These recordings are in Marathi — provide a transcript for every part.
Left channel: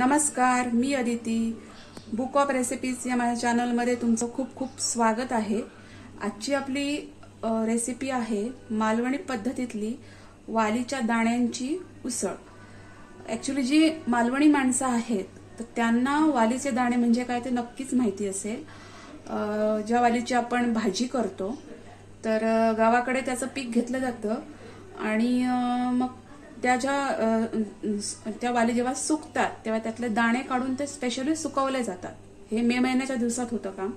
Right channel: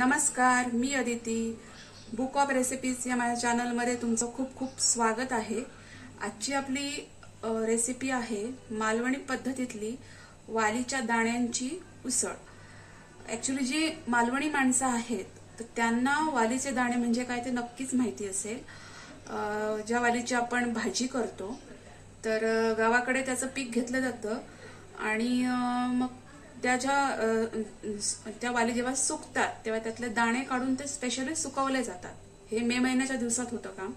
नमस्कार, मी अदिती. बुक ऑफ रेसिपीज या माझ्या चॅनलमध्ये तुमचं खूप खूप स्वागत आहे. आजची आपली रेसिपी आहे मालवणी पद्धतीतली वालीच्या दाण्यांची उसळ. ॲक्च्युली जी मालवणी माणसं आहेत तर त्यांना वालीचे दाणे म्हणजे काय ते नक्कीच माहिती असेल. ज्या वालीची आपण भाजी करतो तर गावाकडे त्याचं पीक घेतलं जातं आणि मग त्या वाली जेव्हा सुकतात तेव्हा त्यातले दाणे काढून ते स्पेशली सुकवले जातात. हे मे महिन्याच्या दिवसात होतं काम.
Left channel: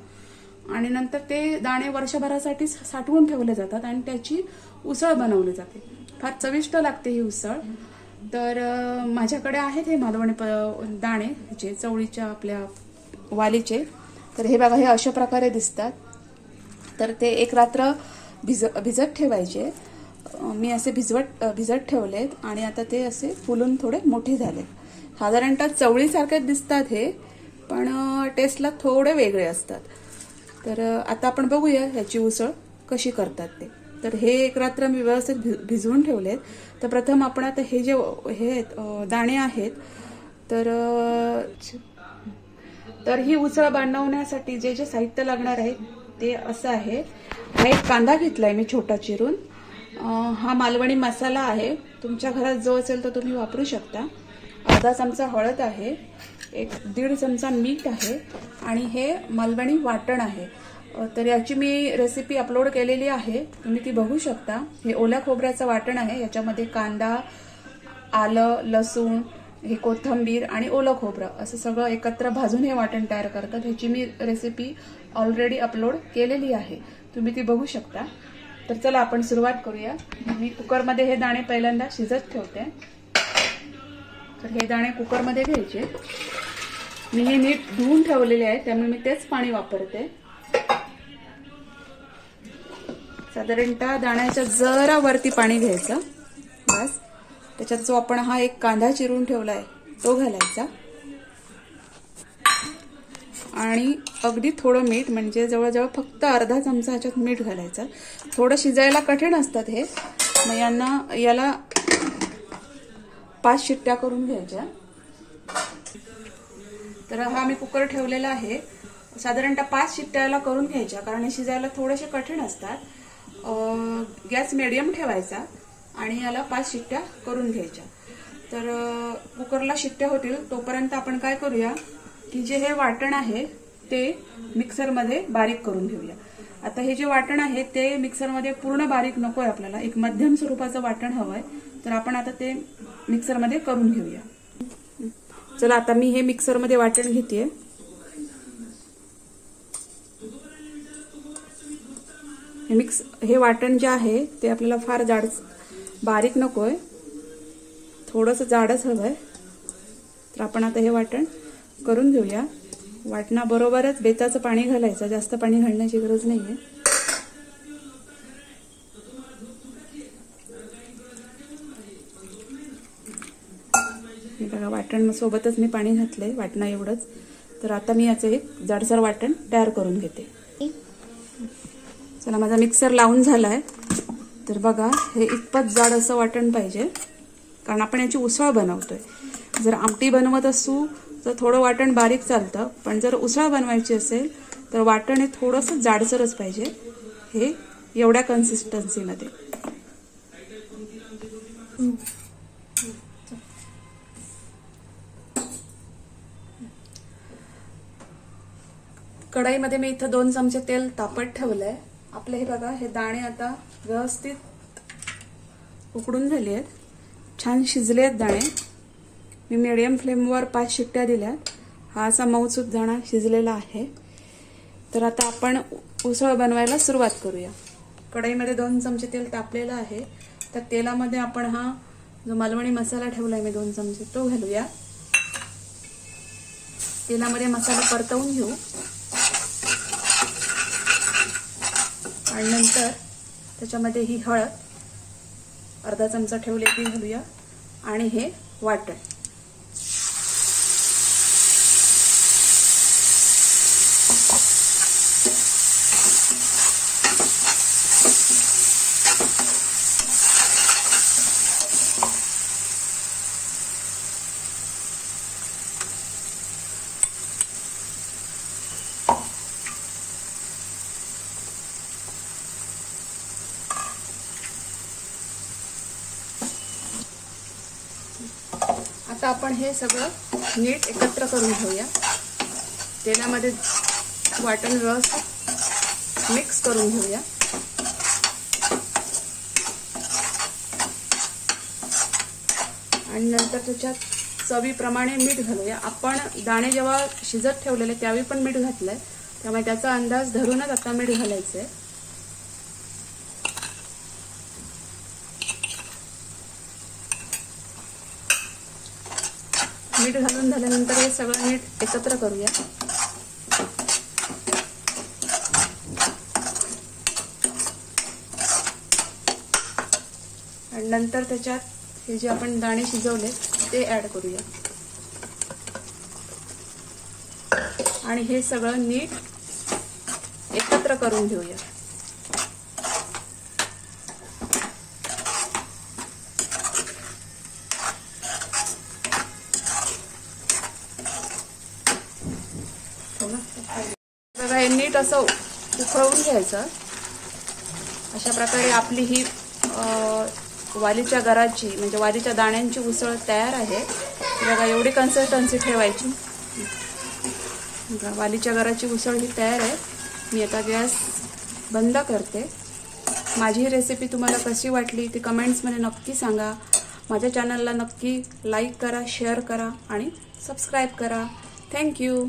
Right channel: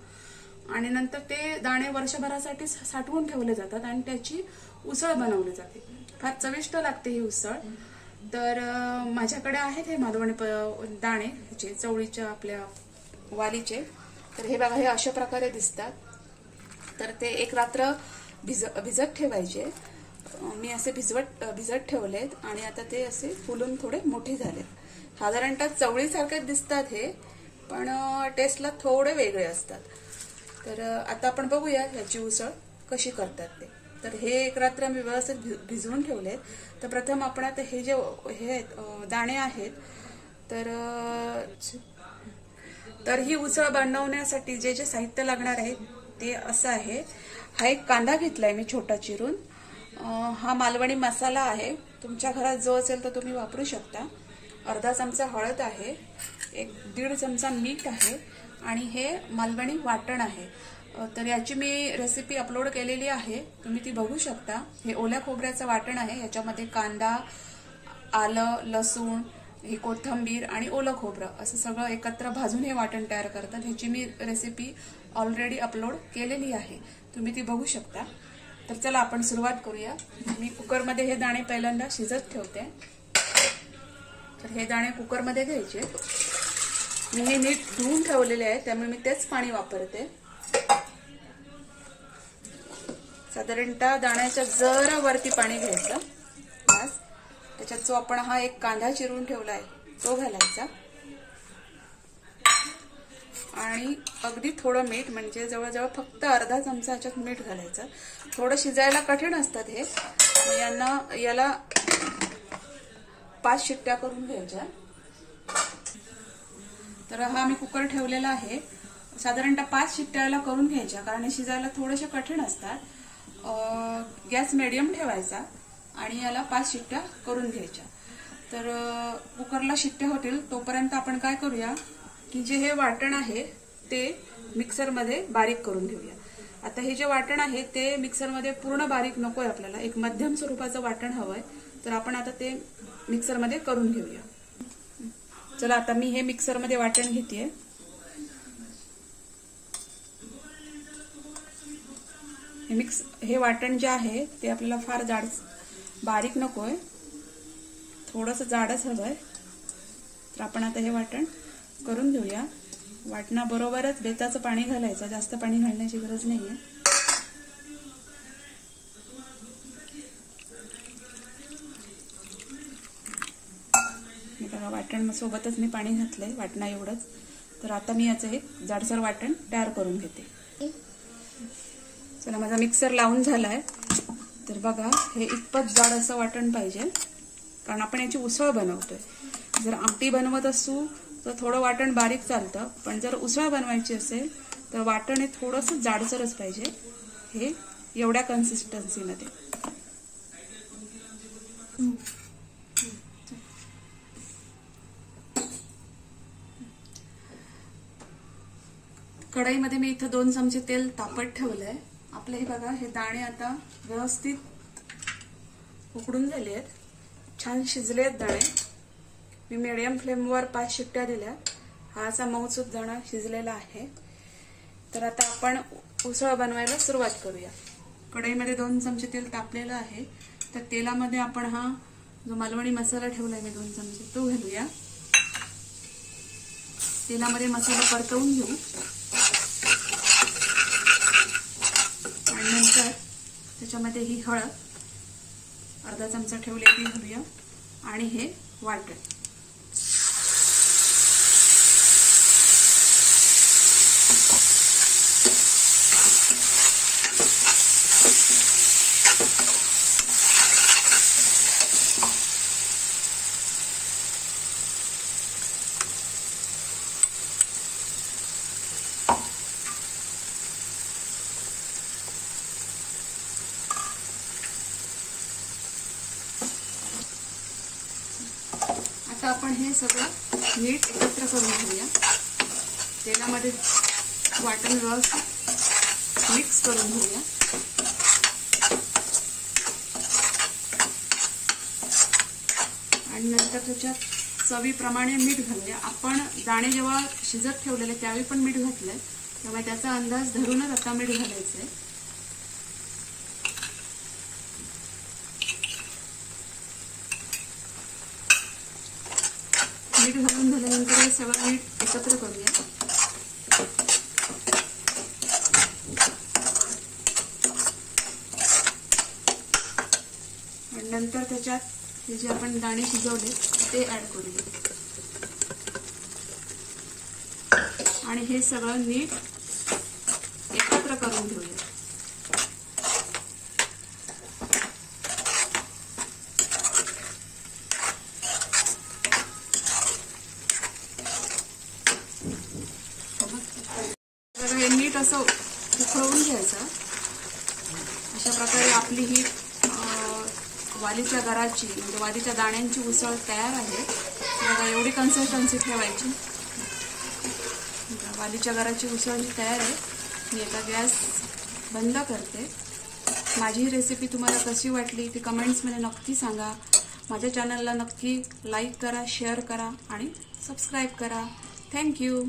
आणि नंतर ते दाणे वर्षभरासाठी साठवून ठेवले जातात आणि त्याची उसळ बनवली जाते. फार चविष्ट लागते ही उसळ. तर माझ्याकडे आहेत हे मालवणी दाणे जे चवळीच्या आपल्या वालीचे. तर हे बघा, हे अशा प्रकारे दिसतात. तर ते एक रात्र भिजत ठेवायचे. मी असे भिजत ठेवलेत आणि आता ते असे फुलून थोडे मोठे झाले. साधारणतः चवळीसारखे दिसतात हे, पण टेस्टला थोडे वेगळे असतात. तर आता आपण बघूया ह्याची उसळ कशी करतात ते. तर हे एक रात्र मी व्यवस्थित भिजवून ठेवलेत. तर प्रथम आपण आता हे जे दाणे आहेत तर ही उसळ बनवण्यासाठी जे जे साहित्य लागणार आहे ते असं आहे. हा एक कांदा घेतलाय मी छोटा चिरून. हा मालवणी मसाला आहे. तुमच्या घरात जो असेल तर तुम्ही वापरू शकता. अर्धा चमचा हळद आहे, 1-1.5 चमचा मीठ आहे आणि हे मालवणी वाटण आहे. तर याची मी रेसिपी अपलोड केलेली आहे, तुम्ही ती बघू शकता. हे ओल्या खोबऱ्याचं वाटण आहे. याच्यामध्ये कांदा, आलं, लसूण, हे कोथिंबीर आणि ओलं खोबरं असं सगळं एकत्र भाजून हे वाटण तयार करतात. ह्याची मी रेसिपी ऑलरेडी अपलोड केलेली आहे, तुम्ही ती बघू शकता. तर चला आपण सुरुवात करूया. मी कुकरमध्ये हे दाणे पहिल्यांदा शिजत ठेवते. तर हे दाणे कुकरमध्ये घ्यायचे. मी हे नीट धुवून ठेवलेले आहे त्यामुळे मी तेच पाणी वापरते. साधारणतः दाण्याच्या जरा वरती पाणी घ्यायचं बस. त्याच्यात जो आपण हा एक कांदा चिरून ठेवलाय तो घालायचा आणि अगदी थोडं मीठ, म्हणजे जवळजवळ फक्त अर्धा चमचा ह्याच्यात मीठ घालायचं. थोडं शिजायला कठीण असतात हे, मग याला 5 शिट्ट्या करून घ्यायच्या. तर हा मी कुकर ठेवलेला आहे. साधारणतः 5 शिट्ट्याला करून घ्यायच्या, कारण हे शिजायला थोडेसे कठीण असतात. गॅस मिडियम ठेवायचा आणि याला 5 शिट्ट्या करून घ्यायच्या. तर कुकरला शिट्ट्या होतील तोपर्यंत आपण काय करूया की जे हे वाटण आहे ते मिक्सरमध्ये बारीक करून घेऊया. आता हे जे वाटण आहे ते मिक्सरमध्ये पूर्ण बारीक नकोय आपल्याला, एक मध्यम स्वरूपाचं वाटण हवंय. तर आपण आता ते मिक्सरमध्ये करून घेऊया. चला आता मी हे मिक्सरमध्ये वाटण घेतेय. हे वाटण जे आहे ते आपल्याला फार बारीक नकोय, थोडंसं जाडच हवंय. तर आपण आता हे वाटण करून घेऊया. वाटणाबरोबरच बेताचं पाणी घालायचं, जास्त पाणी घालण्याची गरज नाहीये. हे बघा, वाटण सोबतच मी पाणी घातलंय, वाटणा एवढंच. तर आता मी याचं एक जाडसर वाटण तयार करून घेते. चला, माझा मिक्सर लावून झालाय. तर बघा, हे इतपत जाड असं वाटण पाहिजे, कारण आपण याची उसळ बनवतोय. जर आमटी बनवत असू तर थोडं वाटण बारीक चालतं, पण जर उसळ बनवायची असेल तर वाटण हे थोडंसं जाडसरच पाहिजे. हे एवढ्या कन्सिस्टन्सीमध्ये. कढईमध्ये मी इथं 2 चमचे तेल तापत ठेवलंय. आपले हे बघा, हे दाणे आता व्यवस्थित उकडून झाले आहेत, छान शिजले आहेत दाणे. मी मीडियम फ्लेमवर 5 शिट्ट्या दिल्या. हा असा मऊसूत दाणा शिजलेला आहे. तर आता आपण उसळ बनवायला सुरुवात करूया. कढईमध्ये 2 चमचे तेल तापलेलं आहे. तर तेलामध्ये आपण हा जो मालवणी मसाला ठेवलाय मी 2 चमचे तो घालूया. तेलामध्ये मसाला परतवून घेऊ आणि नंतर त्याच्यामध्ये ही हळद अर्धा चमचा ठेवले ती घालूया आणि हे वाटण. आता आपण हे सगळं नीट एकत्र करून घेऊया. तेलामध्ये वाटण रस मिक्स करून घेऊया. आणि नंतर त्याच्यात चवीप्रमाणे मीठ घालूया. आपण दाणे जेव्हा शिजत ठेवलेले त्यावेळी पण मीठ घातलंय, त्यामुळे त्याचा अंदाज धरूनच आता मीठ घालायचंय. मीठ घालून झाल्यानंतर हे सगळं नीट एकत्र करूया. आणि नंतर त्याच्यात हे जे आपण दाणे शिजवले ते ऍड करूया. आणि हे सगळं नीट एकत्र करून घेऊया. बघा, हे नीट असं उकळवून घ्यायचं. अशा प्रकारे आपली ही वालीच्या गराची म्हणजे वालीच्या दाण्यांची उसळ तयार आहे. बघा, एवढी कन्सिस्टन्सी ठेवायची. वालीच्या गराची उसळ ही तयार आहे. मी आता गॅस बंद करते. माझी ही रेसिपी तुम्हाला कशी वाटली ती कमेंट्समध्ये नक्की सांगा. माझ्या चॅनलला नक्की लाईक करा, शेअर करा आणि सबस्क्राईब करा. थँक्यू.